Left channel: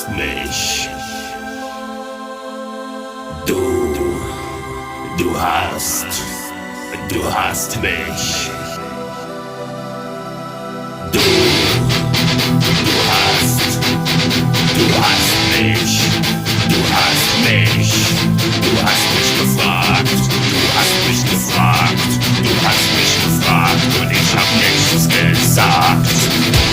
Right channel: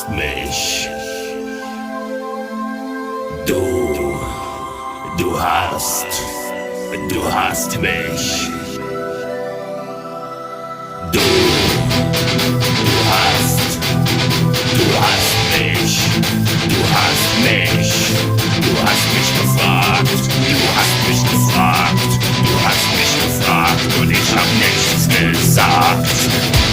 hast mich. Du hast mich. Du hast mich. Du hast mich. Du hast mich gefragt. Du hast mich gefragt. Du hast mich gefragt und ich hab nichts gesagt.